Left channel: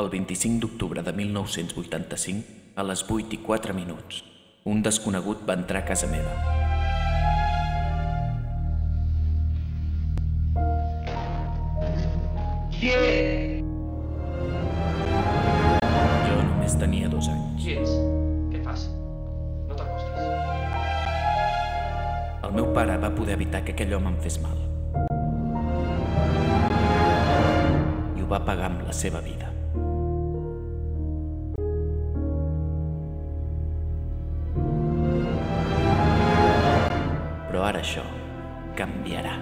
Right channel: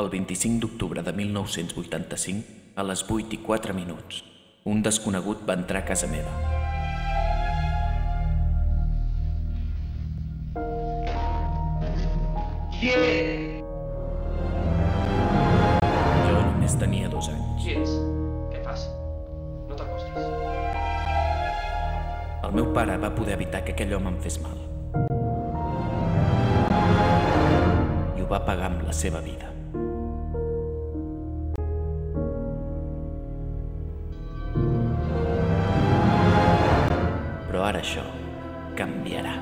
El 25 d'octubre de 1985, a les 8:04, un desconegut va entrar a casa meva. Qui ets? Jo només tenia 2 anys. Qui ets? Què passa? No t'acostis. El meu pare va poder evitar que aquell home em fes mal. I ho va pagar amb la seva vida. Però ara això canviarà.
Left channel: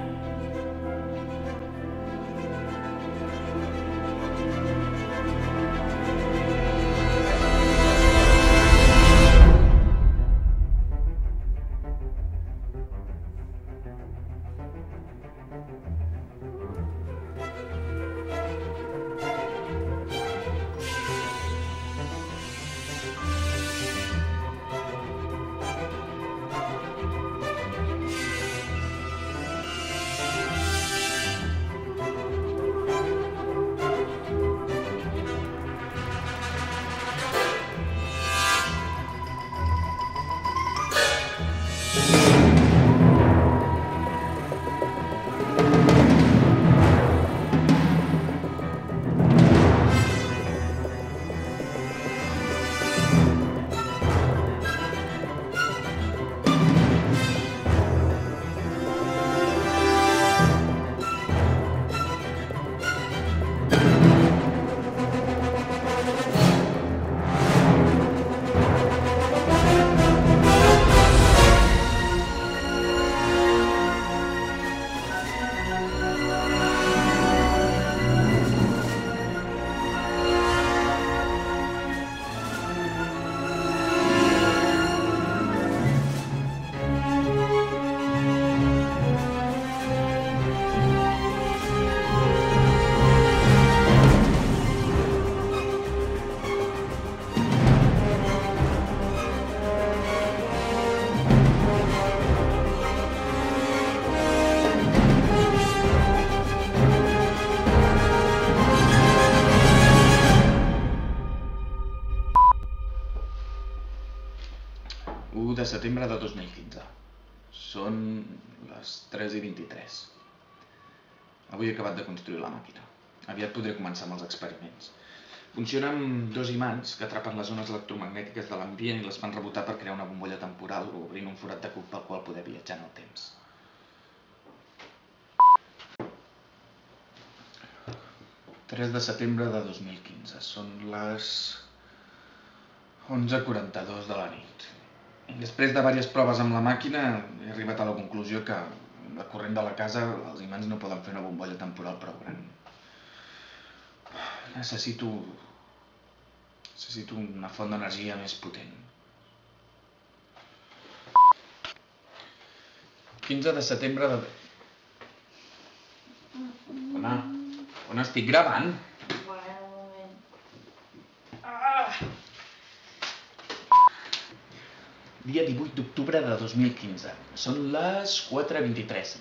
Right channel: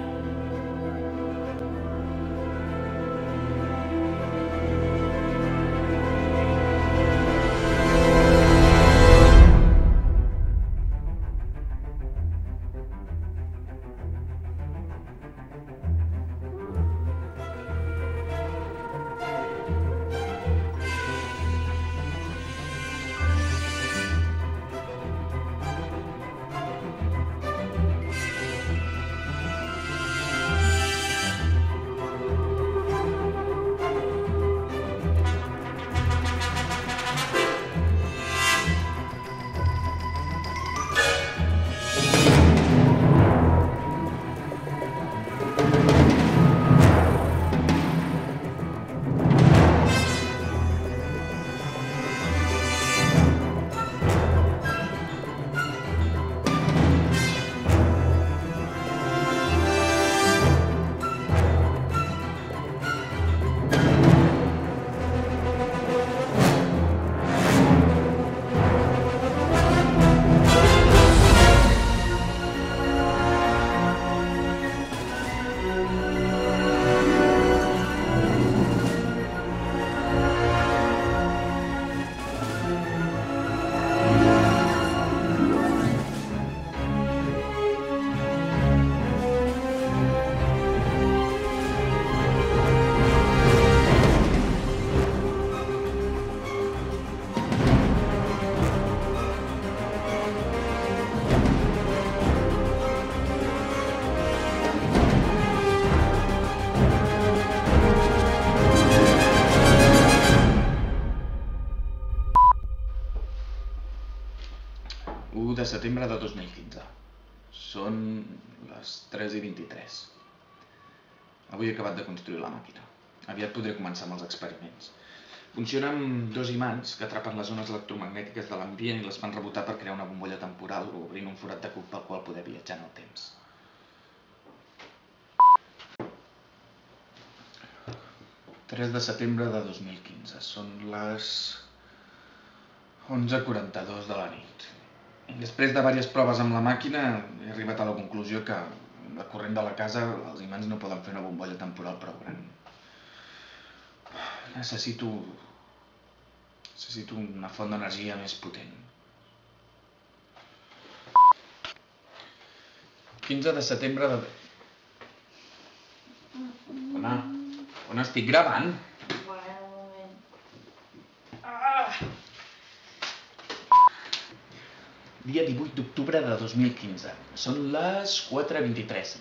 De setembre de 2015. Són les 3:23. Avui he acabat de construir la màquina. Aviat podré començar amb els experiments. Funciona amb 2 imants que atrapen les ones electromagnètiques de l'ambient i les fan rebotar per crear una bombolla temporal, obrint un forat de cuc pel qual poder viatjar en el temps. ...3 de setembre de 2015. Són les 11:42 de la nit. Després de diverses proves amb la màquina, he arribat a la conclusió que, amb la corrent de la casa, els imants no poden fer una bombolla temporal prou gran. Necessito una font d'energia més potent. 15 de setembre de... On estic gravant? Bueno, un moment. Dia 18 d'octubre de 2015. Són les 4:23.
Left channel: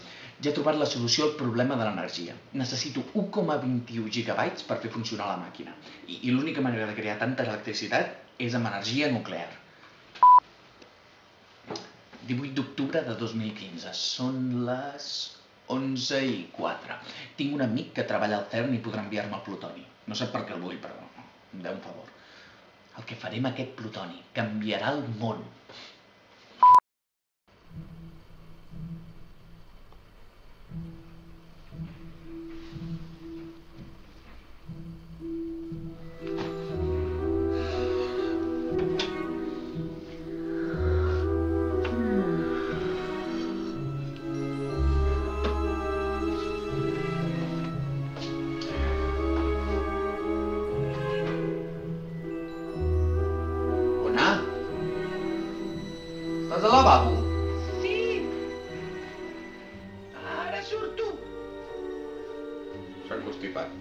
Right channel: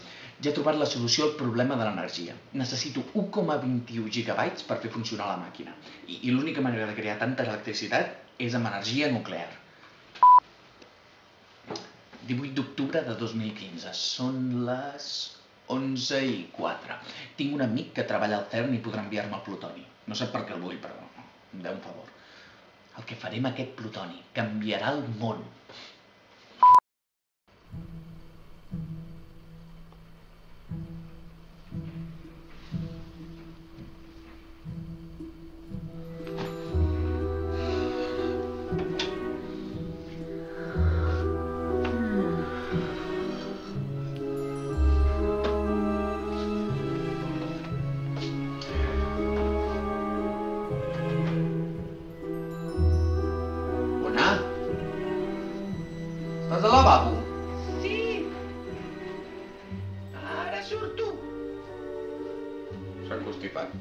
Ja he trobat la solució al problema de l'energia. Necessito 1,21 gigabytes per fer funcionar la màquina. I l'única manera de crear tanta electricitat és amb energia nuclear. 18 d'octubre de 2015. Són les 11:04. Tinc un amic que treballa al CERN i podrà enviar-me el plutoni. No sap per què el vull, però em deu un favor. El que faré amb aquest plutoni canviarà el món. Estàs al lavabo? Sí! Ara surto! S'ha constipat.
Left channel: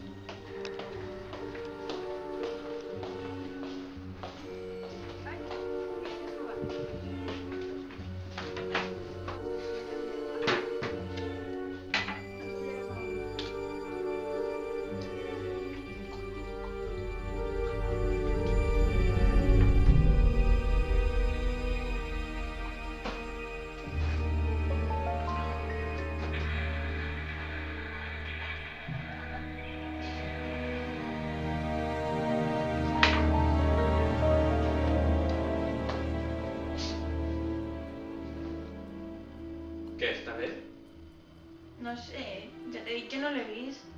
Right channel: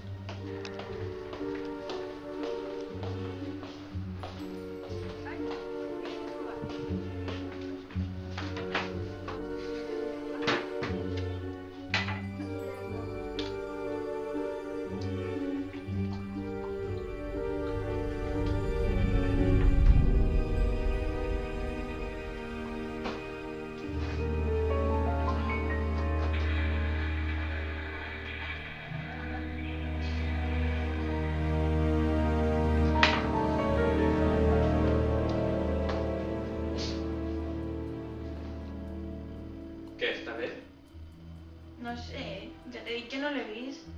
No sé, ja t'he dit que no l'he vist.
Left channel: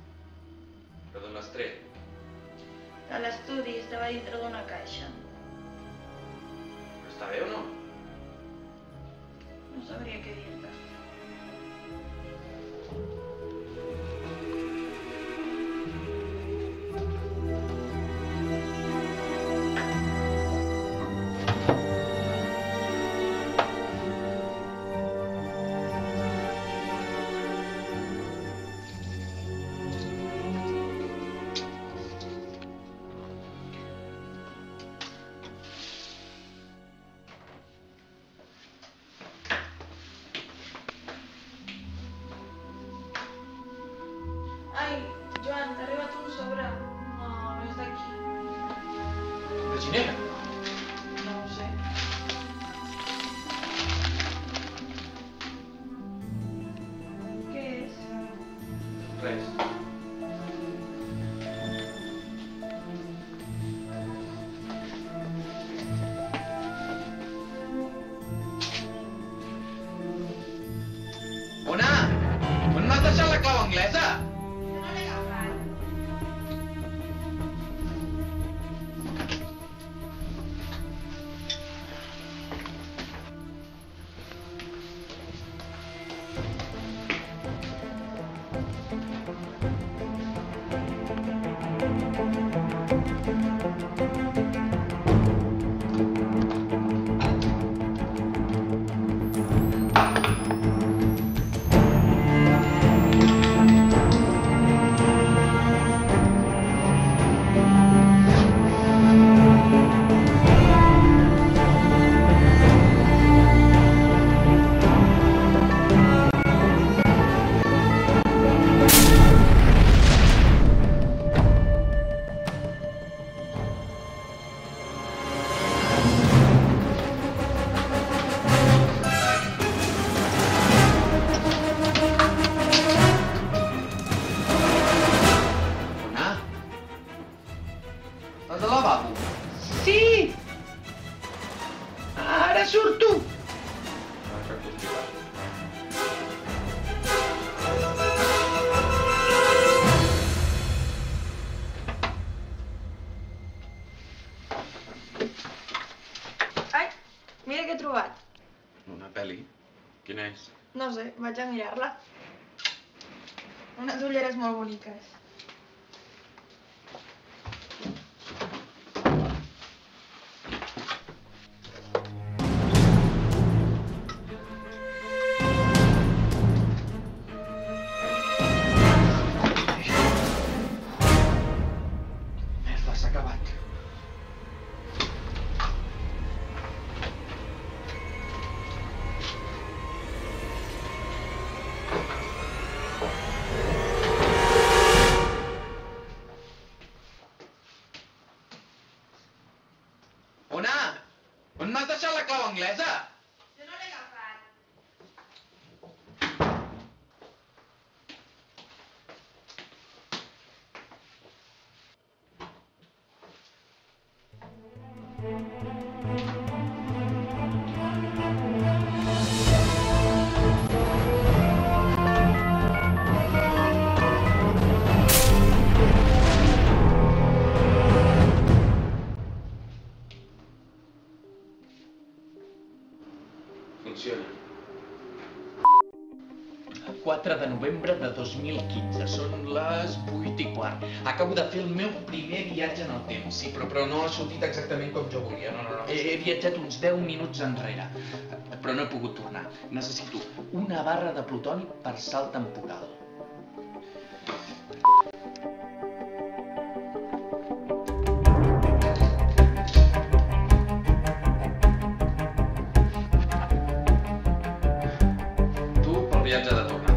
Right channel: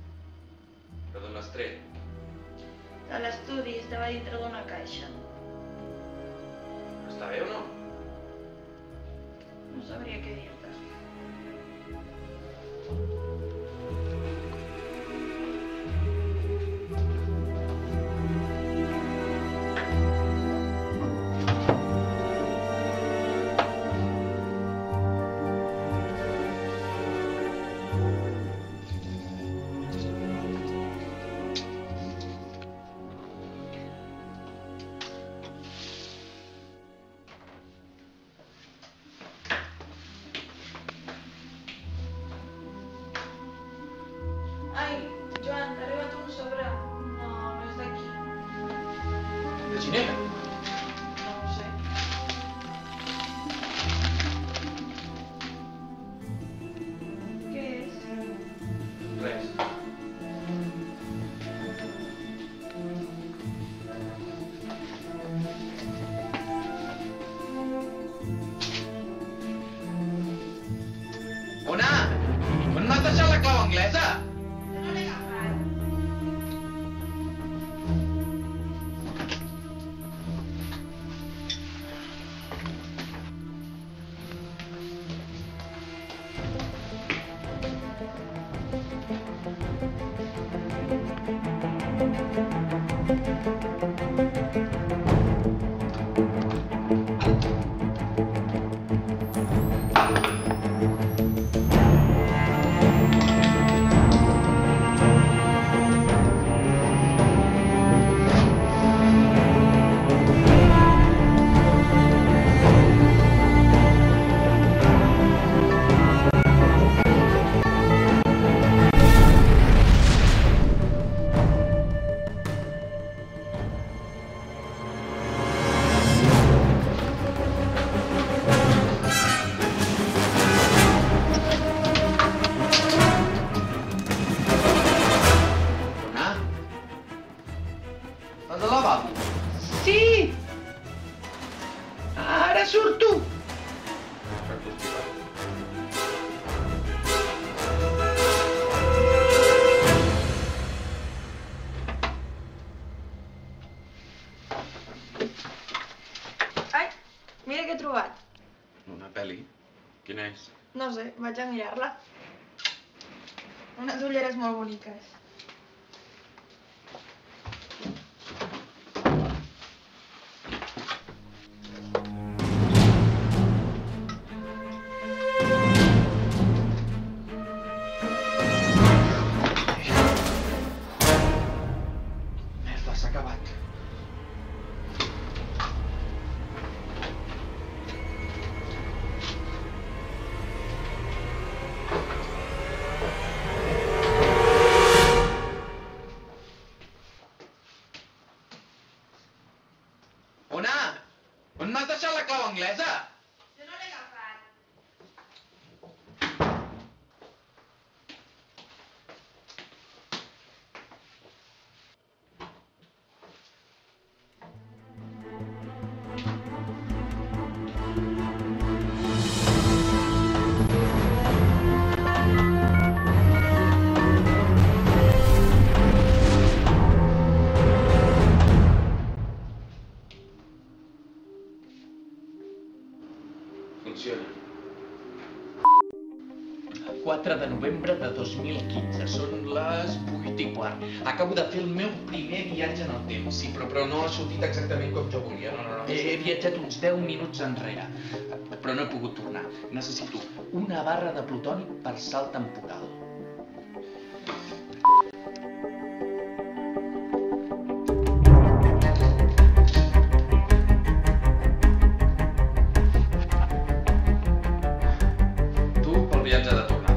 Però d'on l'has tret? A l'estudi estava dintre d'una caixa. Però està bé o no? No sabria què dir-te. Ai, Joan, t'ha arribat un sobre. No, no és d'aquí. De Ginebra? No ho sé. Què és? Res. Ona! On m'has deixat la clau anglesa? Jo no l'he agafat. Ona? Estàs al lavabo? Sí! Ara surto! Per constipat. Ai, mira què he trobat. Una pel·li? Quina és? No sé, vaig a mirar-la. Unes ulleres molt boniques. Merda, s'ha acabat. Ona! On m'has deixat la clau anglesa? Jo no l'he agafat. Funciona. 4 de novembre de 2015. Són les 8:15. Acabo de fer el meu primer viatge en el temps. Sí, però no ha sortit exactament com jo volia. No. He viatjat uns 10 minuts enrere, però no he pogut tornar. Necessito una barra de plutoni per salt temporal. Tu pel viatge de tornada.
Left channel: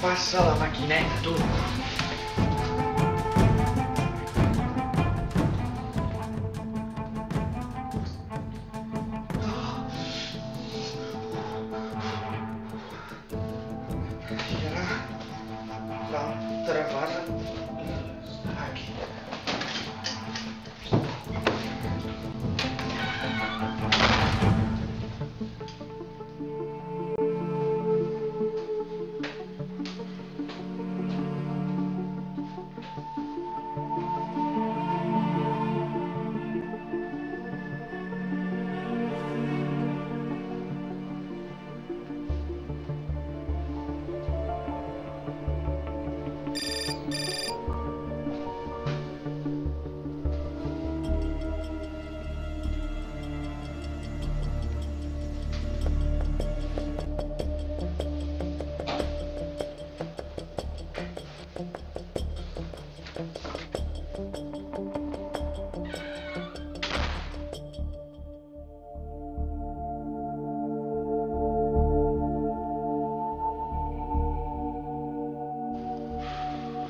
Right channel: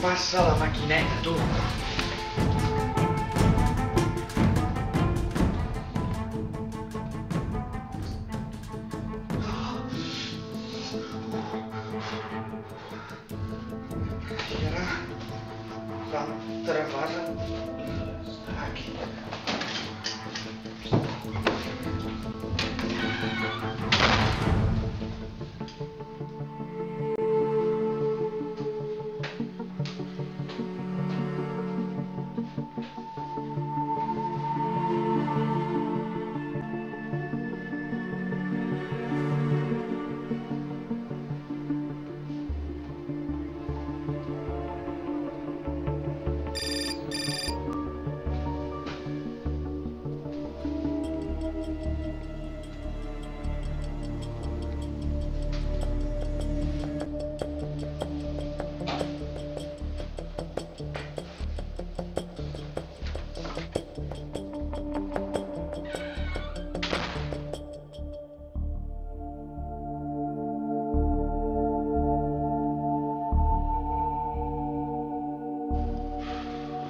Passa la maquineta, tu. I ara l'altra barra aquí.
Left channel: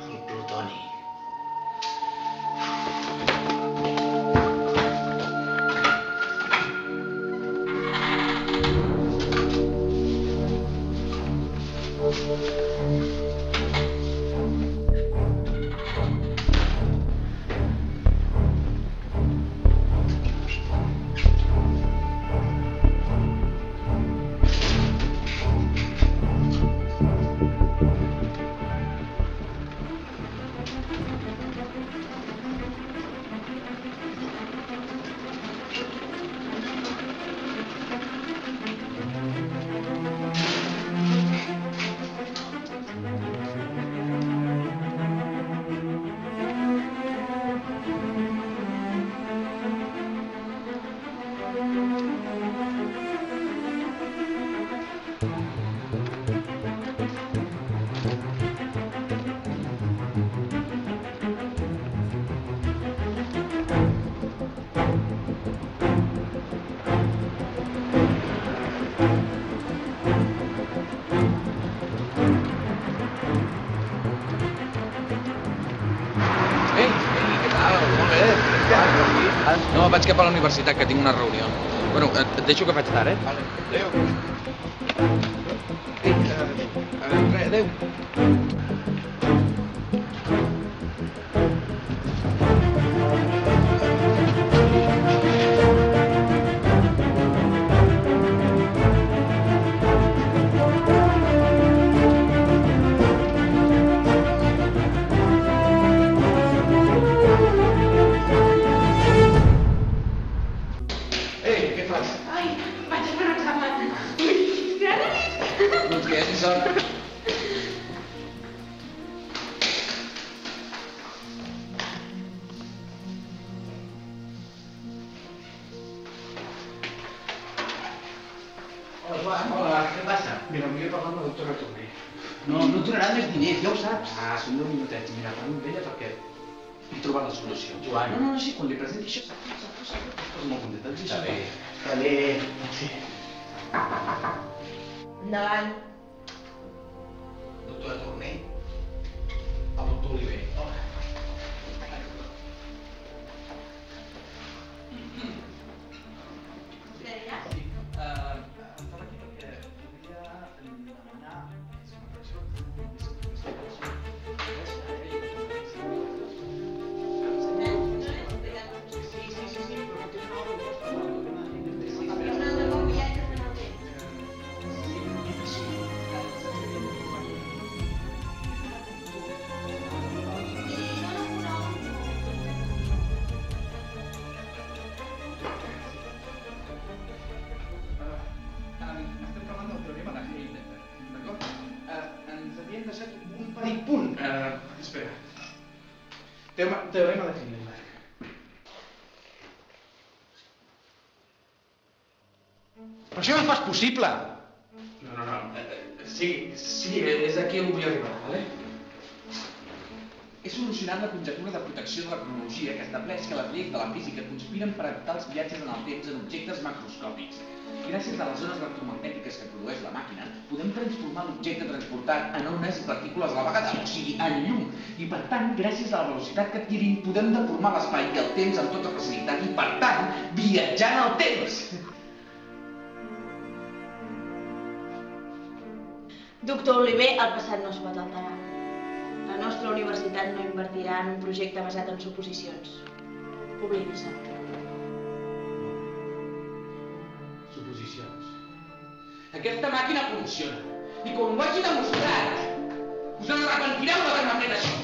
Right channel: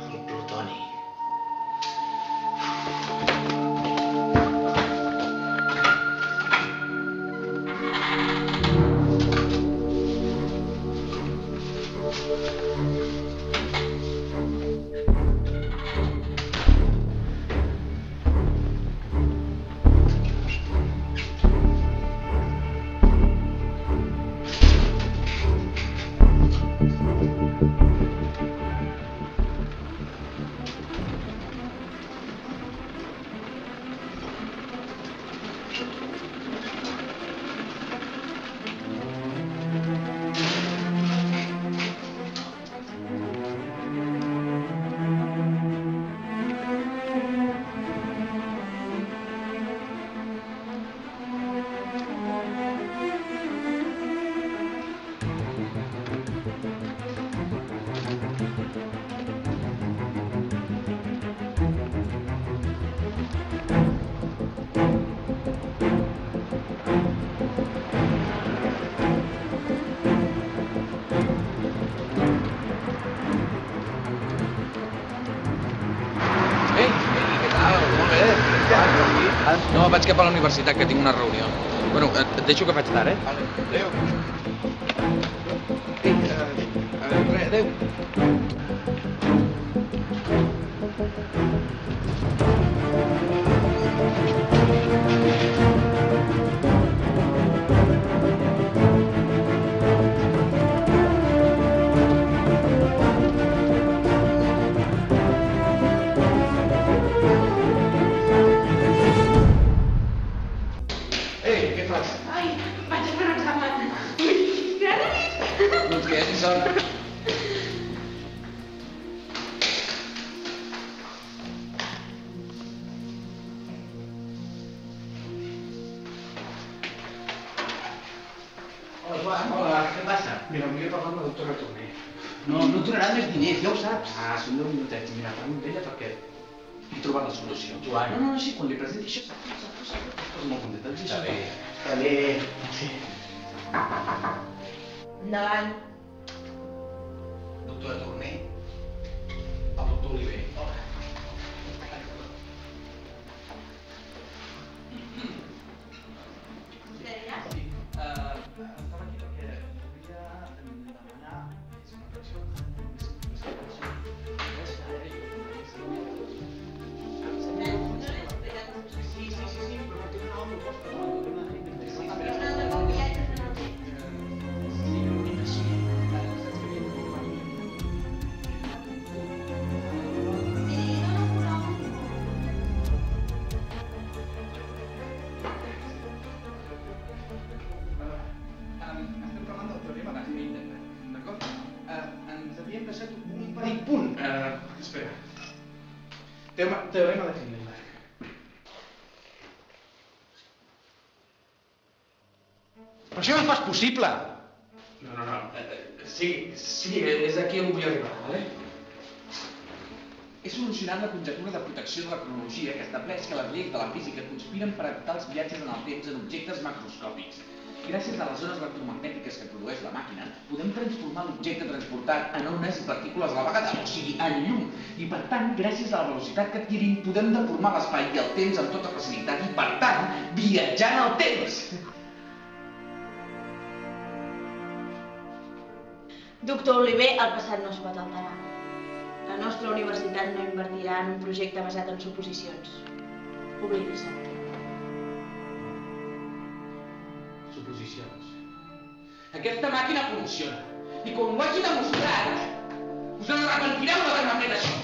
El plutoni. No, vaig cap a la universitat, que tinc una reunió. Bueno, et deixo que faig tard, eh? Vale. Adéu. Ei, adéu. Ei, què fas? Ai, vaig a fer un examen. Ui, gràcies. Doncs que hi hagi sort. Hola, Joan. Hola, què passa? Mira, volia parlar amb la doctora Torner. No et donarà més diners, ja ho saps. Ah, són 10 minutets. Mira, parlo amb ella perquè he trobat la solució. Joan. No, sí, quan li presenti això, estàs molt contenta. Està bé. Està bé. Sí. Endavant. Doctora Torner, el doctor Oliver. Hola. Vostè ja? Sí, estava aquí perquè volia demanar... És una atracció... Sí, però no té una hora proposta per al tema de l'índex. És una altra com viatges en el temps. Sí, però mentre sí, saps que havia de trobar I dona un nom. Estem parlant del teorema de Heisenberg, d'acord? Ens havien deixat un petit punt. Espera. Teorema de Heisenberg. Però això no és pas possible. No. Sí, és aquí on vull arribar, vale? He solucionat la conjectura de protecció de la cronologia que estableix que les lleis de la física conspiren per evitar els viatges en el temps en objectes macroscòpics. gràcies a les zones electromagnètiques que produeix la màquina, podem transformar l'objecte transportat en ones i partícules a la vegada, o sigui, en llum. I per tant, gràcies a la velocitat que adquirim, podem deformar l'espai i el temps amb tota facilitat i, per tant, viatjar en el temps. Doctor Oliver, el passat no es pot alterar. La nostra universitat no invertirà en un projecte basat en suposicions. Oblidi-se. Suposicions. Aquesta màquina funciona. I quan ho hagi demostrat, us en arrepentireu d'haver-me fet això.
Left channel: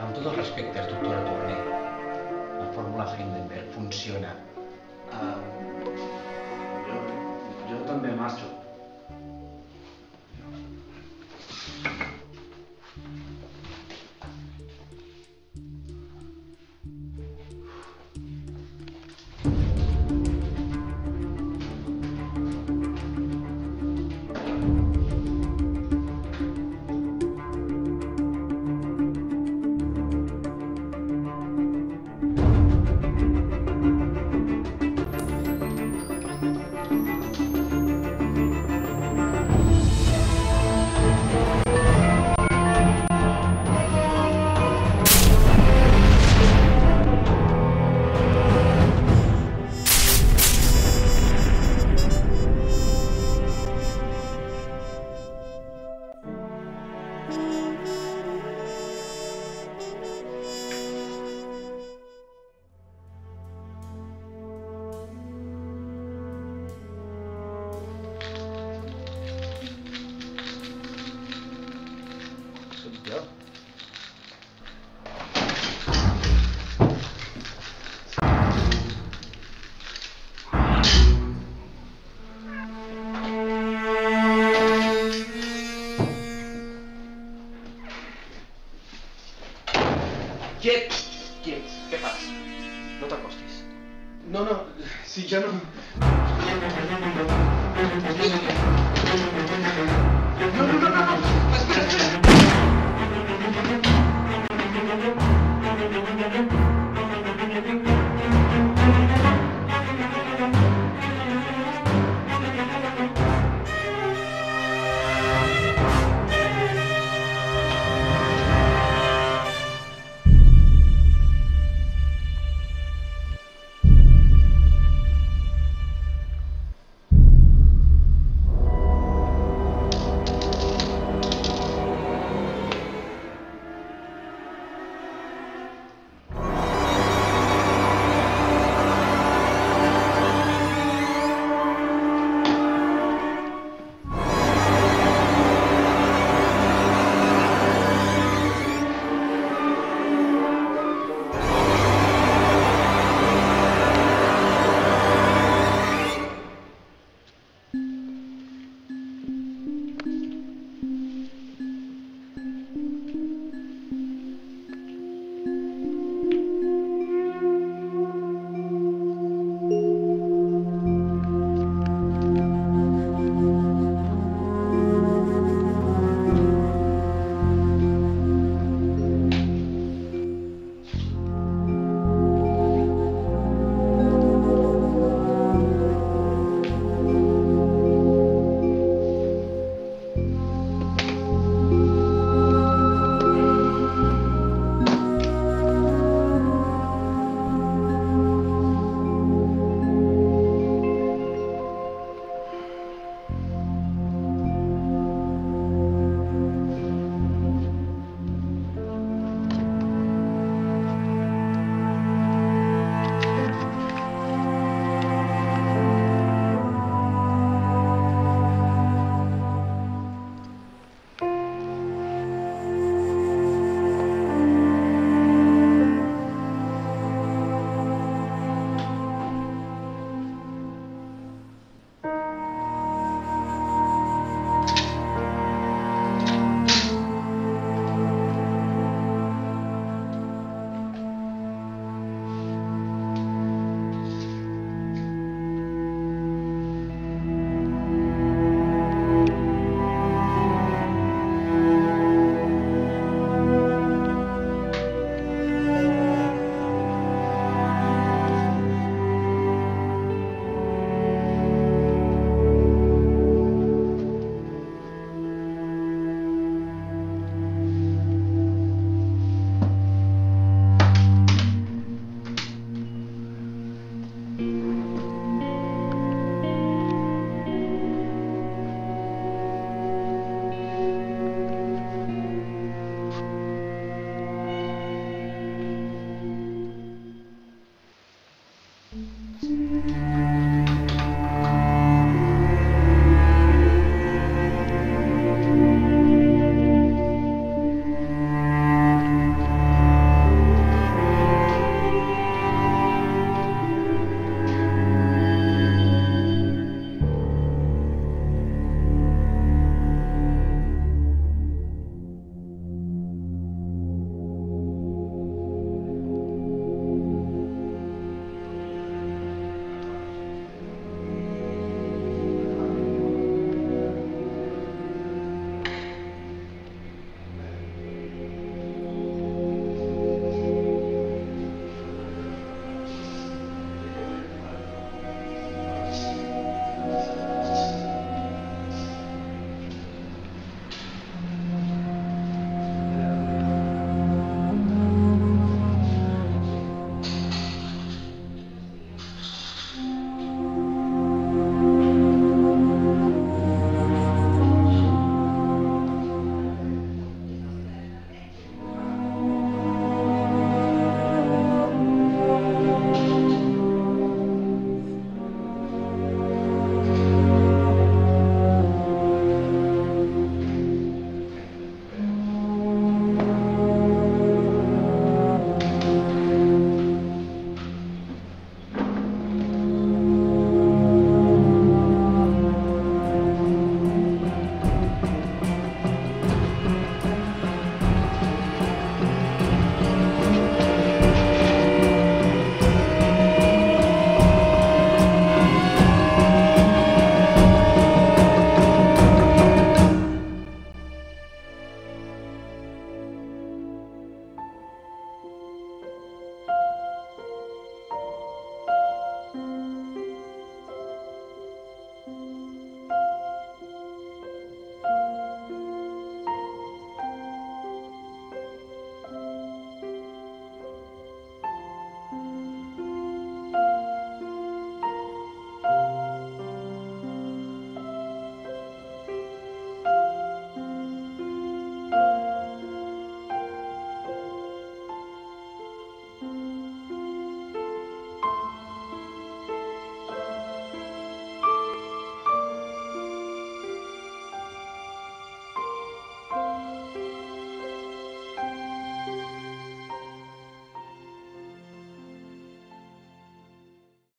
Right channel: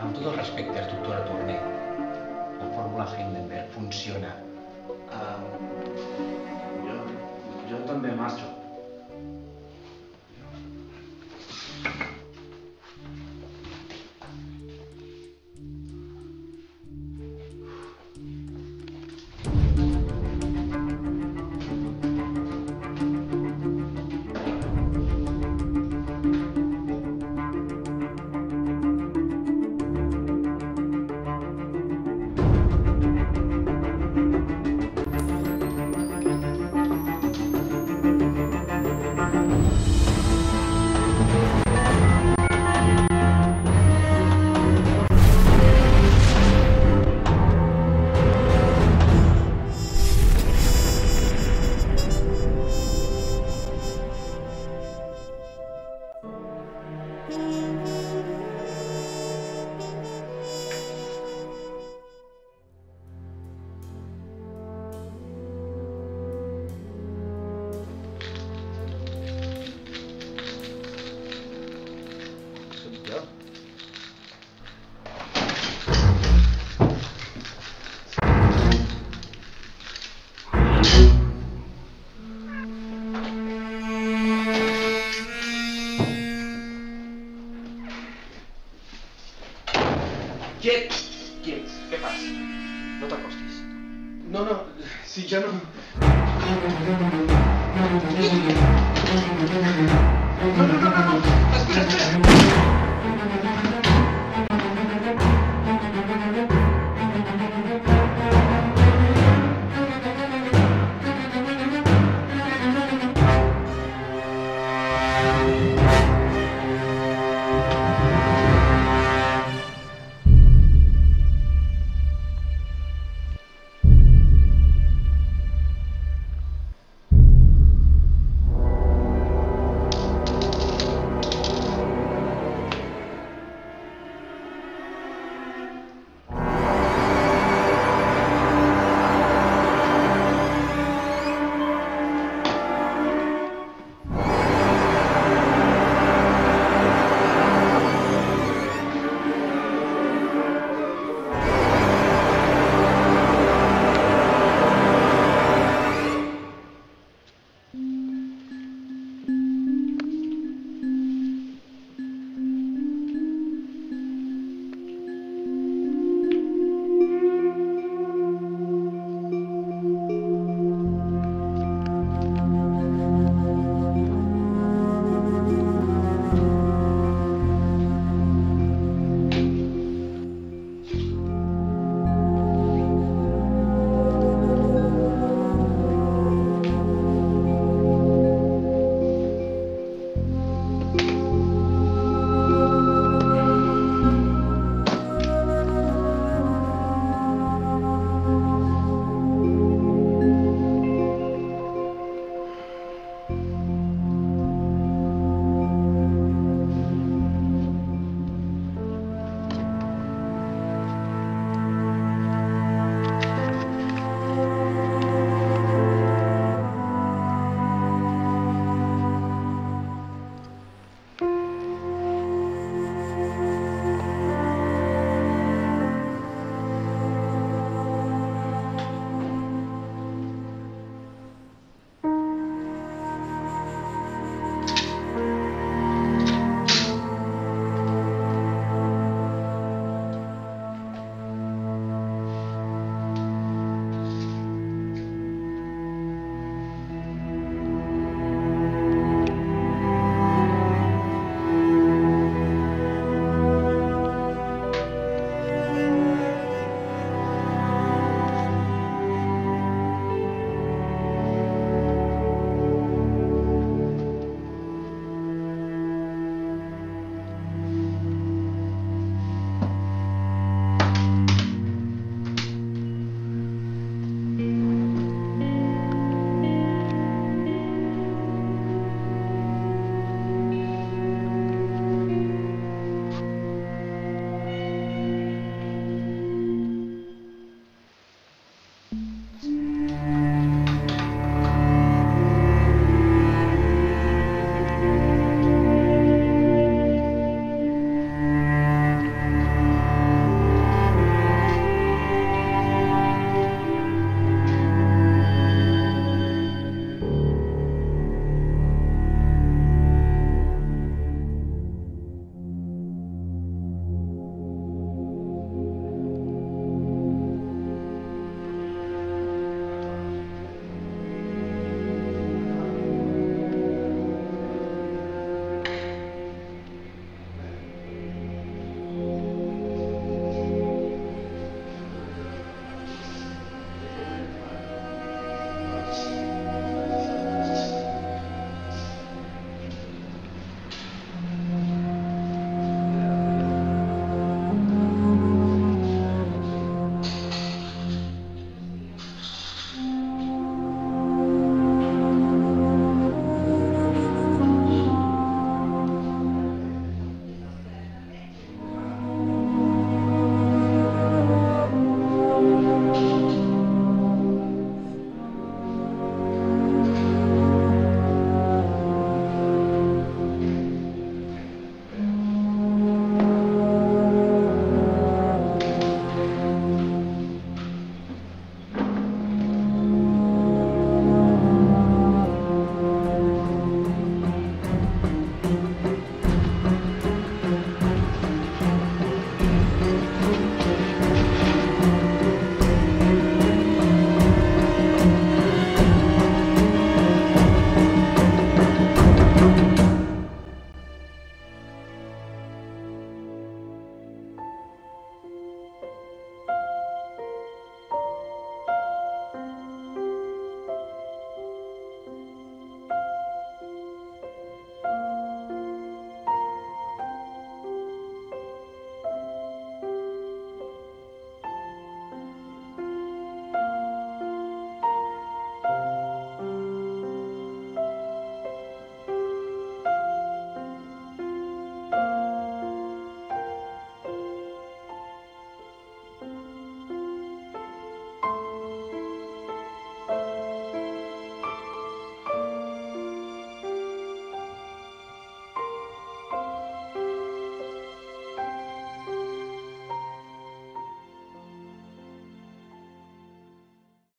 Amb tots els respectes, doctora Torner, la fórmula Heisenberg funciona. Jo també marxo. Quiets, què fas? No t'acostis. No, si ja no...